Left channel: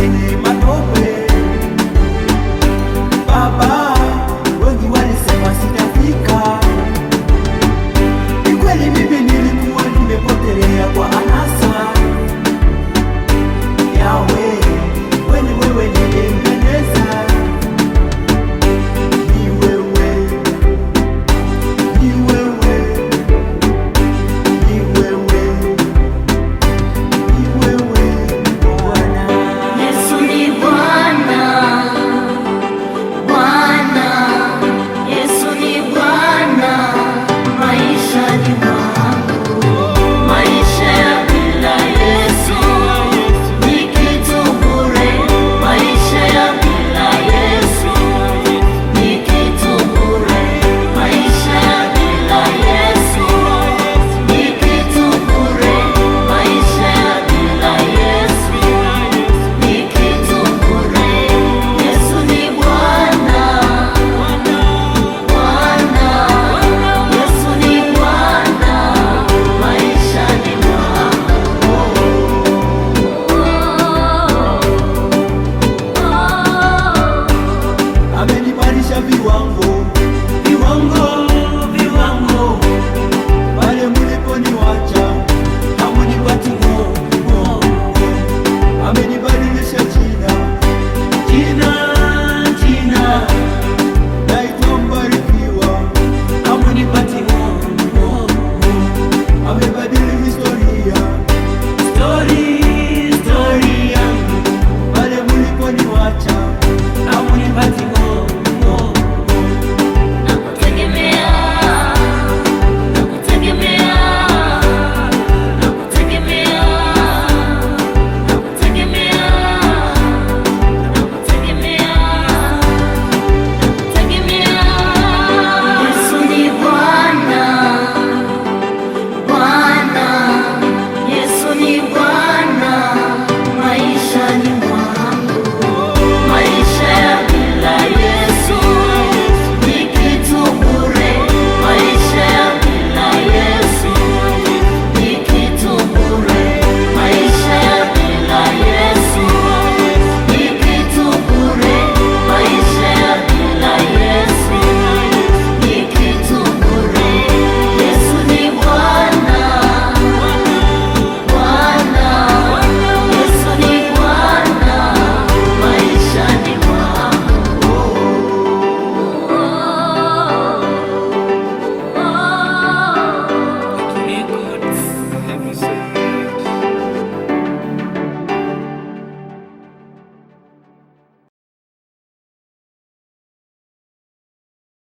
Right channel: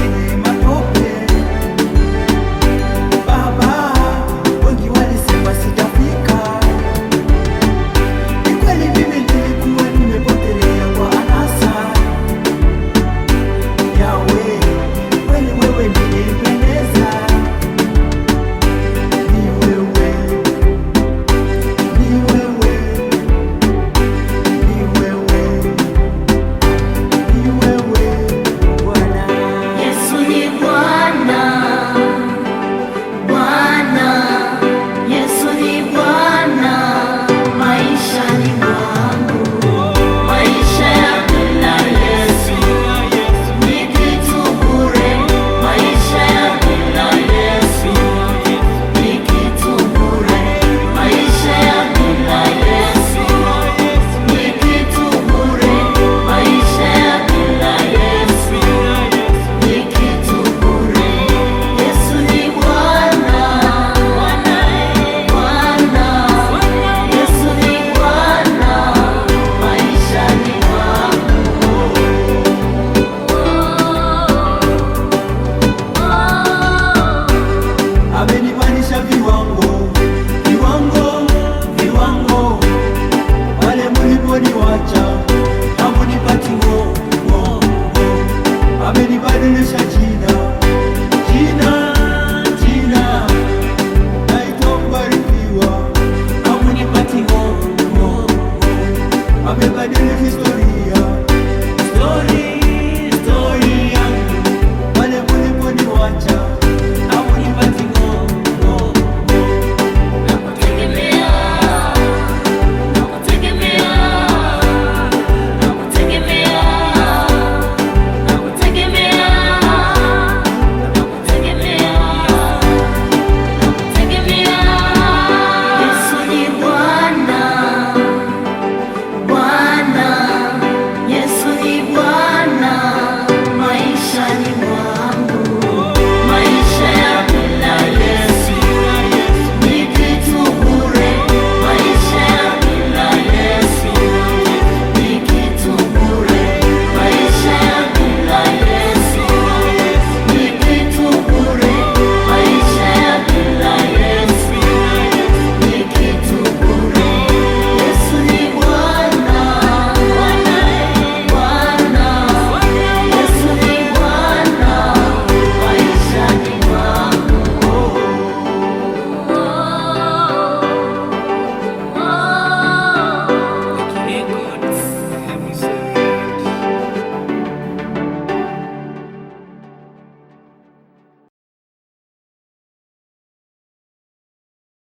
lenye matope. Baba, wengi walisema sitafika. Ni kweli mimi nilikuwa nimepotelea kwa anasa. Yawe, kweli wewe ni Ebeneza. Ni wewe, ni wewe, ni wewe, ni wewe Bwana. Yesu ni Bwana, Bwana. Yesu ni Bwana maishani mwangu. Maisha ya bila Yesu ni kitu bure. Maisha ya bila Yesu ni kitu bure. Maisha ya bila Yesu ni kitu bure. Maisha ya bila Yesu ni kitu bure. Yesu ni Bwana, Bwana. Yesu ni Bwana maishani mwangu. Amenipandisha viwango, viwango, viwango. Pale mliponiwacha hamunipati ngo. Amenibadilisha jina,